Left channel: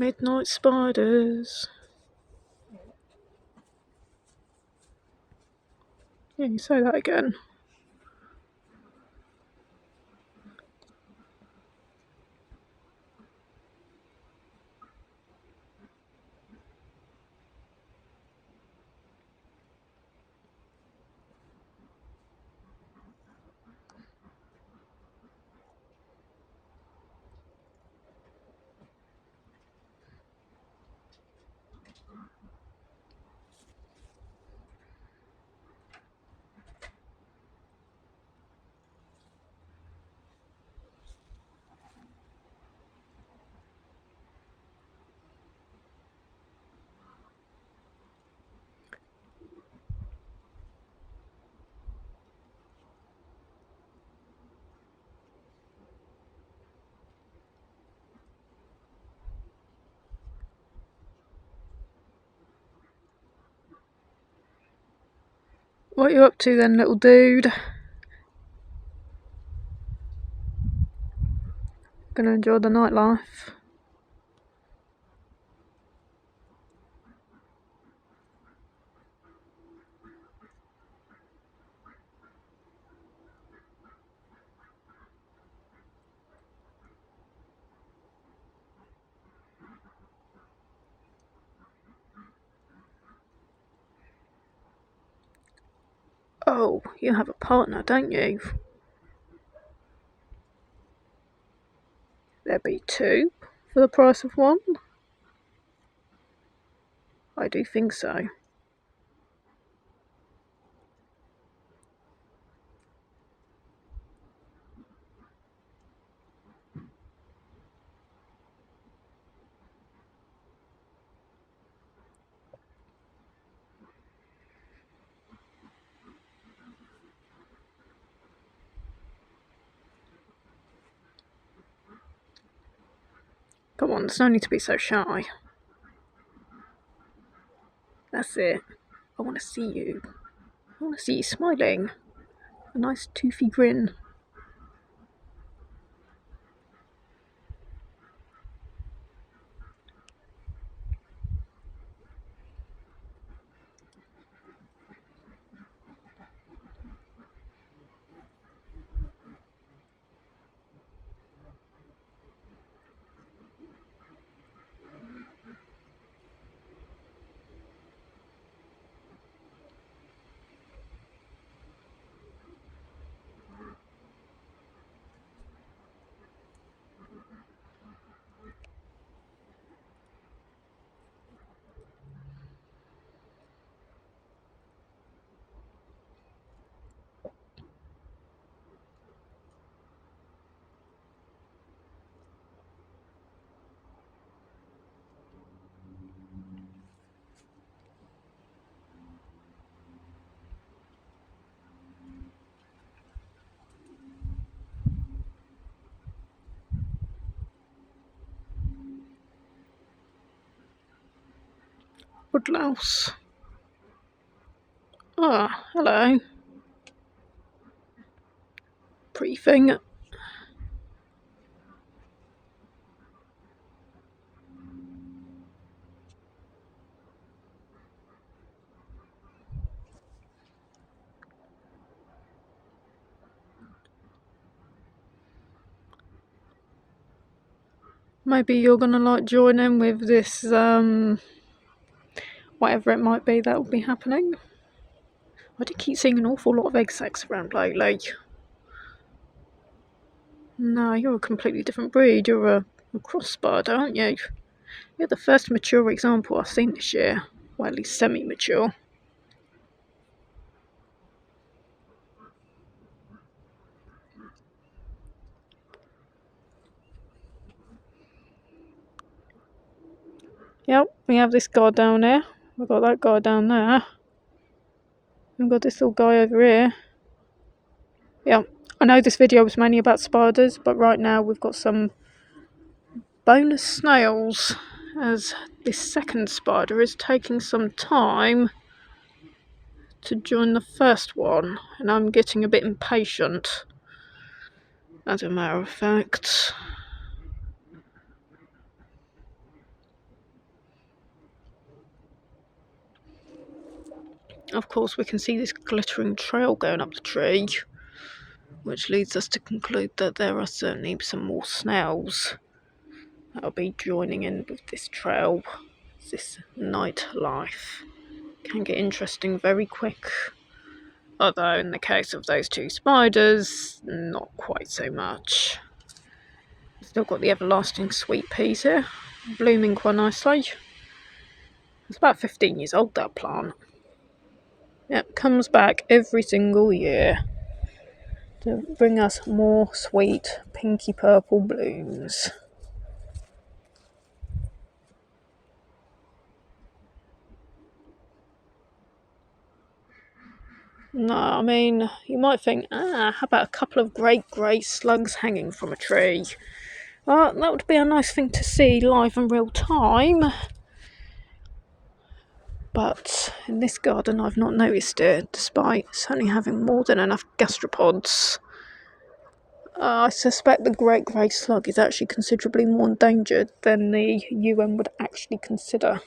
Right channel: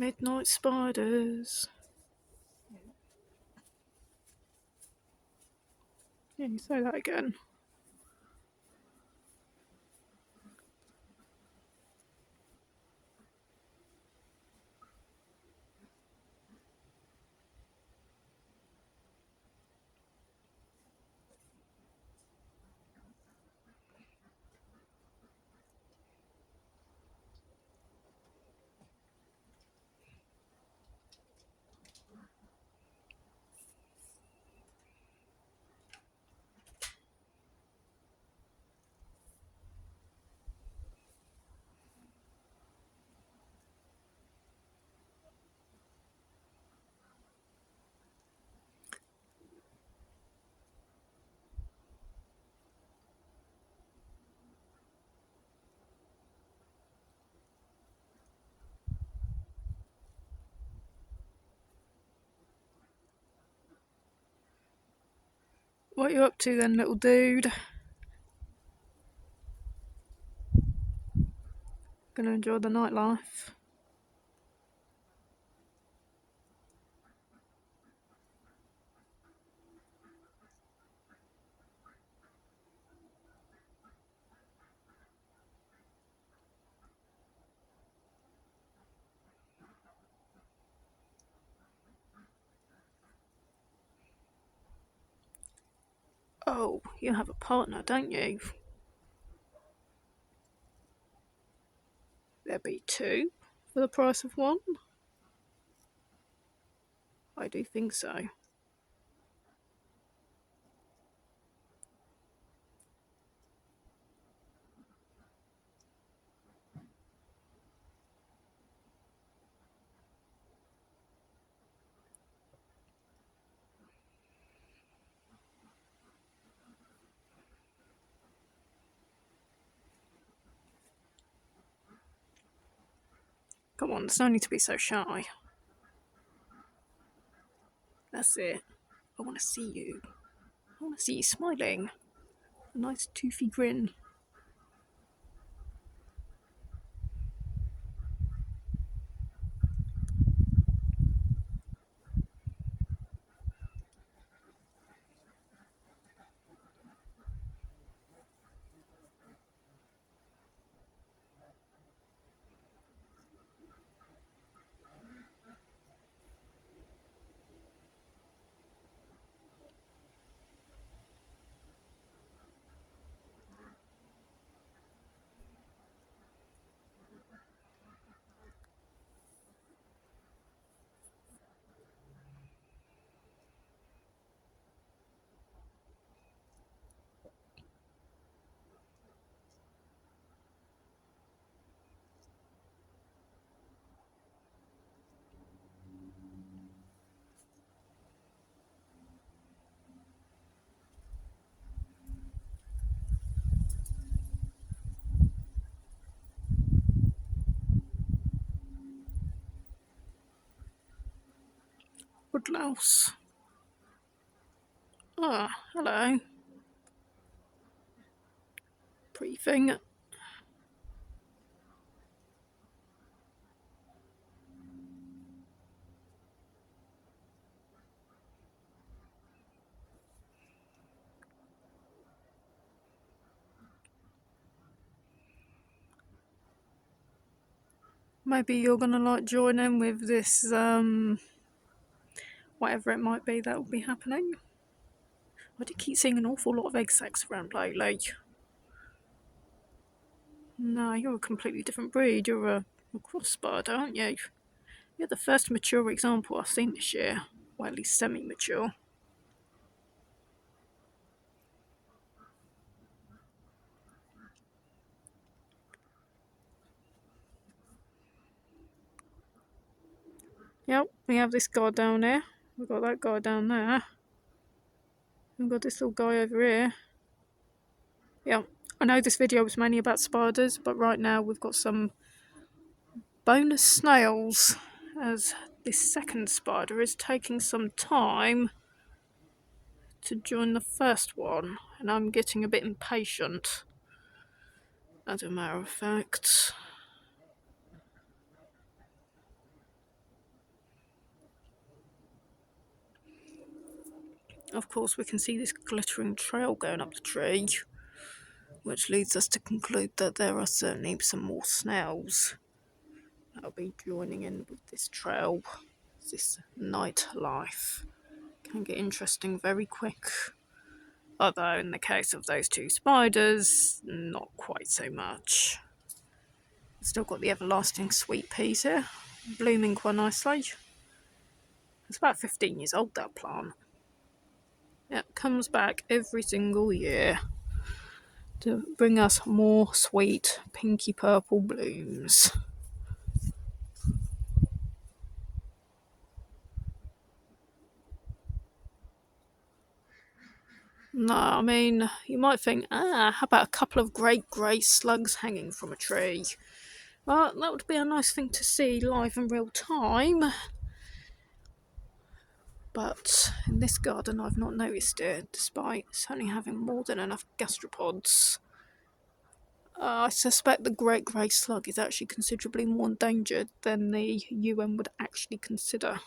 Midnight spiders. Yeah, you say that again. What are you up to then, little dude? Gonna enjoy the nightlife? Oh, you have a partner, don't you? There be two for the price of one? I do think so. Come on, there's no need to be so shy. That's it. I want to see you. I want to see you smiling. A nice toothy grin. Woodlouse. Ah, hello. Pretty thing. Maybe you're gonna like join in with this, whatever it might be that will be happening. I do keep seeing an awful lot of egg sacs around lately. No, you're a completely different breed. You're a cross spider, aren't you? You're the first mature example I've seen this year. Well, at least semi-mature. Yep, we have this guy down there. We've got that guy down there. We've got this little guy over here. Yep, I know this video was mainly about spiders, but right now we've got some bonus snails, as this second spider is taking some time to join the first one, and I'm getting a bit impatient, as a matter of fact. of course, we can see this glittering trail going up the tree, which leads us to conclude that there are certainly some more snails that'll be joining in with this trail. This nightlife can get interesting very quick, although in the case of those two spiders, not quite so much. Still got the everlasting sweet peas here, blooming quite nicely. It's about 15 years old, that plant. It comes back every single year to bring us more sweet pinky purple blooms. No, I mean, you might think, how about a couple of great grey slugs hanging from a tree? Well, that would be a nice thing to see live in real time. But in this garden, I've not noticed it, despite certainly having more than enough gastropods. I suspect the great grey slug is actually considerably more endangered than the UN would actually consider.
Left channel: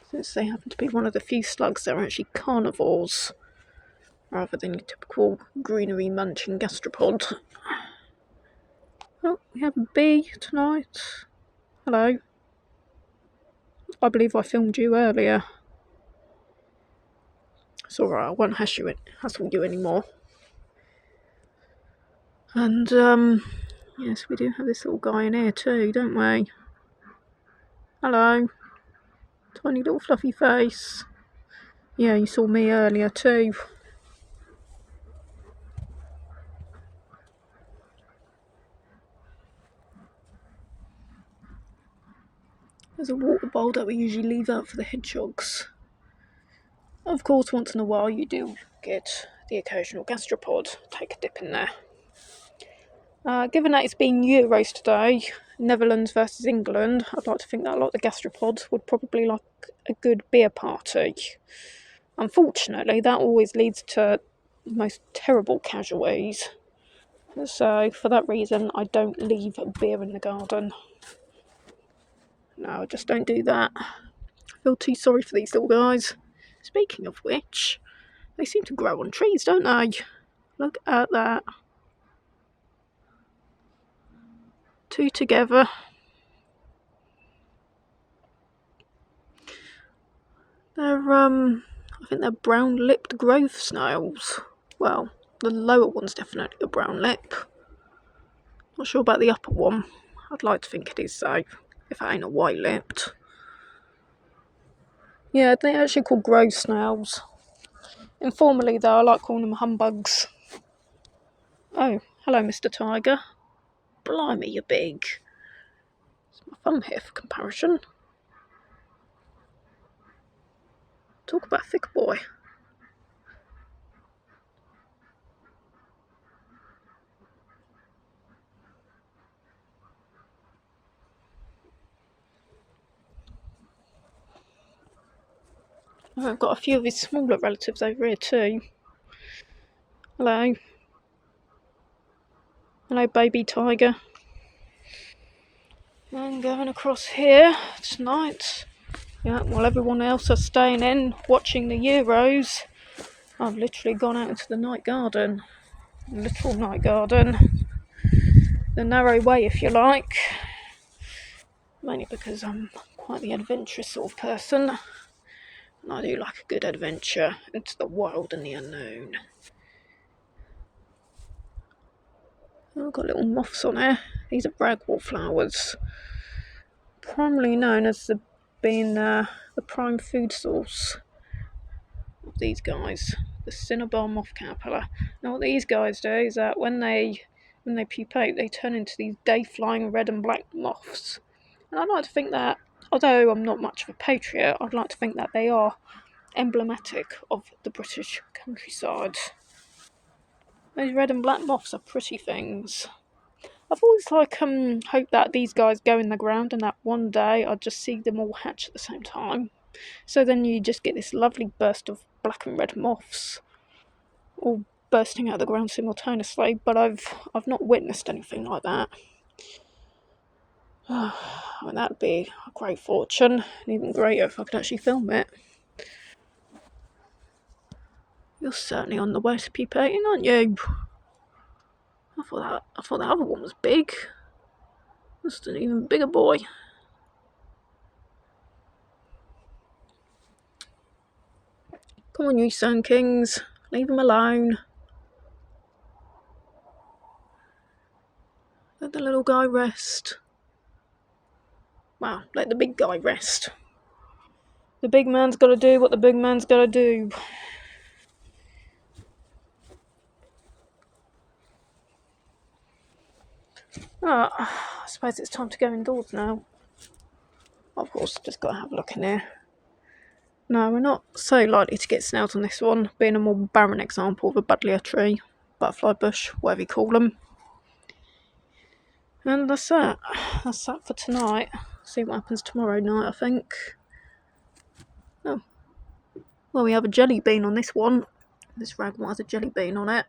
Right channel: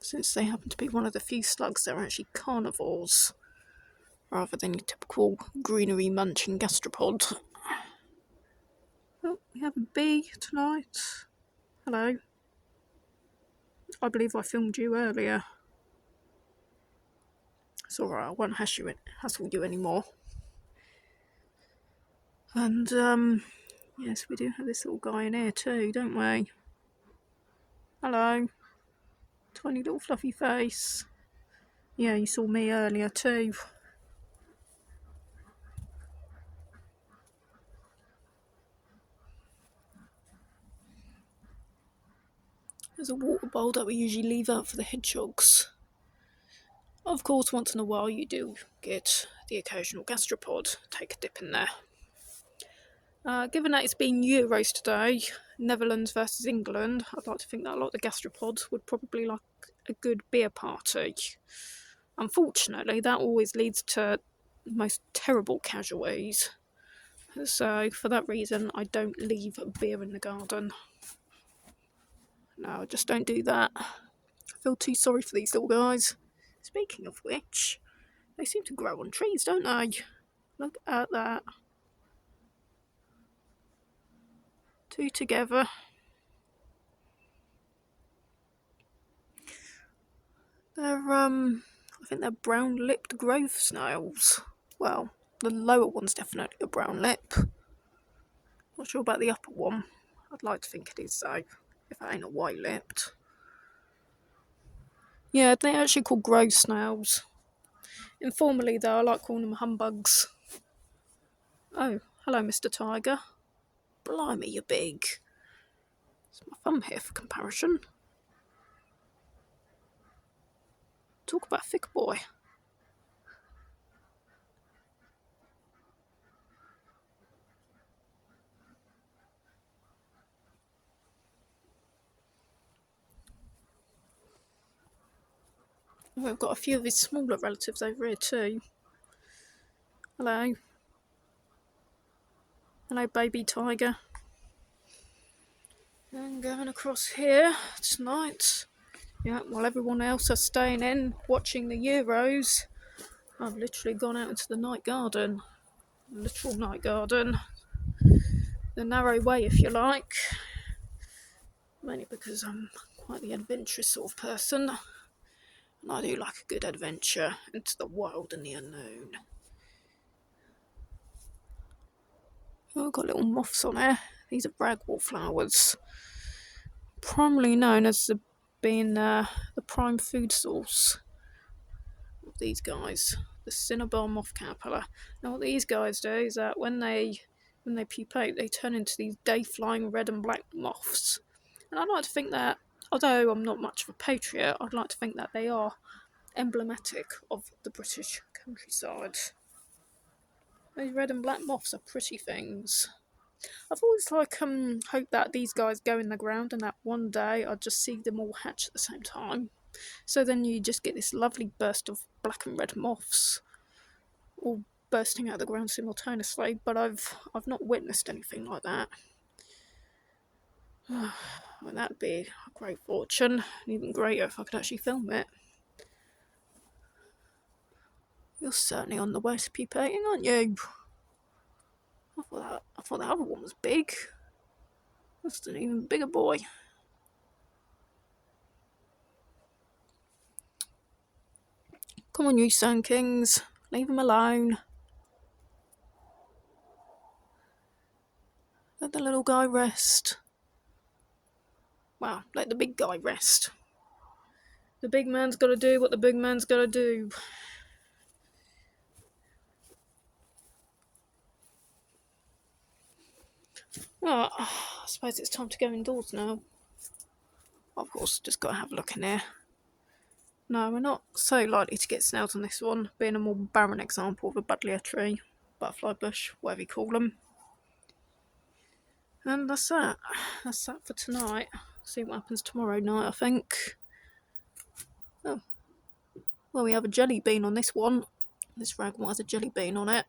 Since they happen to be one of the few slugs that are actually carnivores, rather than your typical greenery munching gastropod. Oh, we have a bee tonight. Hello. I believe I filmed you earlier. It's alright, I won't hassle you anymore. And, yes, we do have this little guy in here too, don't we? Hello. Tiny little fluffy face. Yeah, you saw me earlier too. There's a water bowl that we usually leave out for the hedgehogs. Of course, once in a while you do get the occasional gastropod. Take a dip in there. Given that it's been Euros today, Netherlands versus England, I'd like to think that a lot of the gastropods would probably like a good beer party. Unfortunately, that always leads to the most terrible casualties. So, for that reason, I don't leave beer in the garden. No, I just don't do that. I feel too sorry for these little guys. Speaking of which, they seem to grow on trees, don't they? Look at that. Two together. They're, I think they're brown-lipped grove snails. Well, the lower one's definitely a brown lip. Not sure about the upper one. I'd like to think it is though, if it ain't a white-lipped. Yeah, they're actually called grove snails. Informally though, I like calling them humbugs. Oh, hello Mr. Tiger. Blimey, you're big. It's my thumb here for comparison. Talk about a thick boy. I've got a few of his smaller relatives over here too. Hello. Hello, baby tiger. I'm going across here tonight. Yeah, while everyone else is staying in, watching the Euros, I've literally gone out into the night garden. Little night garden. The narrow way, if you like. Mainly because I'm quite the adventurous sort of person. And I do like a good adventure into the wild and the unknown. Oh, I've got little moths on here. These are ragwort flowers. Primarily known as being the prime food source of these guys. The Cinnabar moth caterpillar. Now what these guys do is that when they pupate, they turn into these day-flying red and black moths. And I'd like to think that, although I'm not much of a patriot, I'd like to think that they are emblematic of the British countryside. Those red and black moths are pretty things. I've always hoped that these guys go in the ground and that one day I'd just see them all hatch at the same time. So then you just get this lovely burst of black and red moths all bursting out of the ground simultaneously, but I've not witnessed anything like that. I mean, that'd be a great fortune. And even greater if I could actually film it. You're certainly on the West pupating, aren't you? I thought that other one was big. That's an even bigger boy. Come on, you Sand Kings. Leave him alone. Let the little guy rest. Well, let the big guy rest. The big man's gotta do what the big man's gotta do. I suppose it's time to go indoors now. Of course, just gotta have a look in here. No, we're not so likely to get snails on this one, being a more barren example of a buddleia tree, butterfly bush, whatever you call them. And that's that. That's that for tonight. See what happens tomorrow night, I think. Oh. Well, we have a jelly bean on this one. This rag one has a jelly bean on it.